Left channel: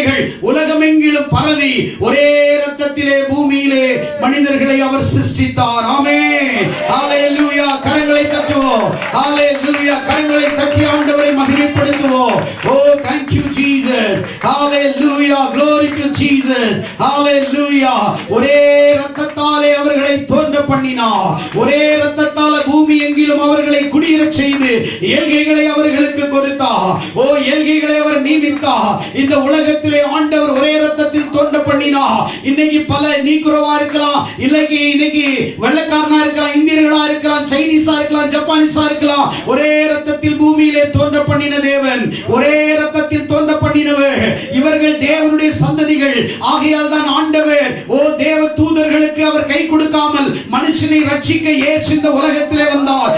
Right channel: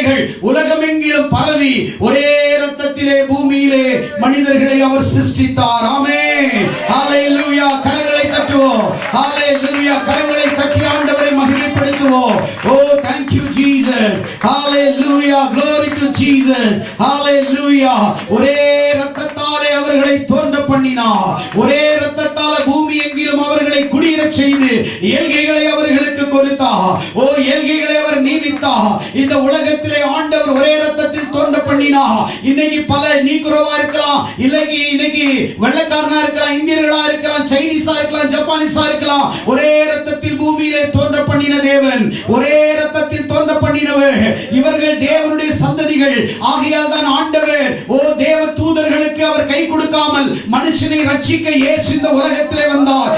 வார்த்தைகள் உலகமெங்கிலும் பரவி ஒரே இரத்தத்திலே பூமியிலே மனிதர்களை அவர் சிருஷ்டித்தார். ஆமென். ஹalleluya. கரங்களை தட்டுவோம். ஹalleluya. கரங்களை தட்டி ஆண்டவரை மகிமைப்படுத்துவோம். Oh, thank you Jesus. Hallelujah. Glory to Jesus. Hallelujah. ஒரே இரத்தத்தாலே அவர்களை தோன்ற பண்ணினார். ஒரே இரத்தத்தால பூமி எங்கிலும் அவர்களை குடியேறச் செய்து ஏழ்கைகளை அவர்களுக்கு கொடுத்தார். ஓ, ஏழ்கைகளை அவர் நீதித்தார். இந்த உலகத்திலே ஆண்டவர் ஒரே இரத்தத்தில் தோன்ற பண்ணினார். இன்னைக்கு பல நீக்குறவா இருக்கலாம், இன்னைக்கு வெள்ளைக்காரனா இருக்கலாம், இந்தியர்களா இருக்கலாம், சைனீஸா இருக்கலாம், ஜப்பானீஸா இருக்கலாம். ஒரே இரத்தத்தில் பூமியிலே தோன்ற பண்ணின தேவன், ஒரே இரத்தத்தில் தோன்ற பண்ணினவர். இவர்கள் தேவனுடைய சந்ததிகள். ஆகையால் தான் ஆண்டவர் தேவ தூதர்களுக்கு அவர் கை கொடுக்காமல் மனுஷனை ரட்சிக்க இயேசு இந்த உலகத்திலே வந்தார்.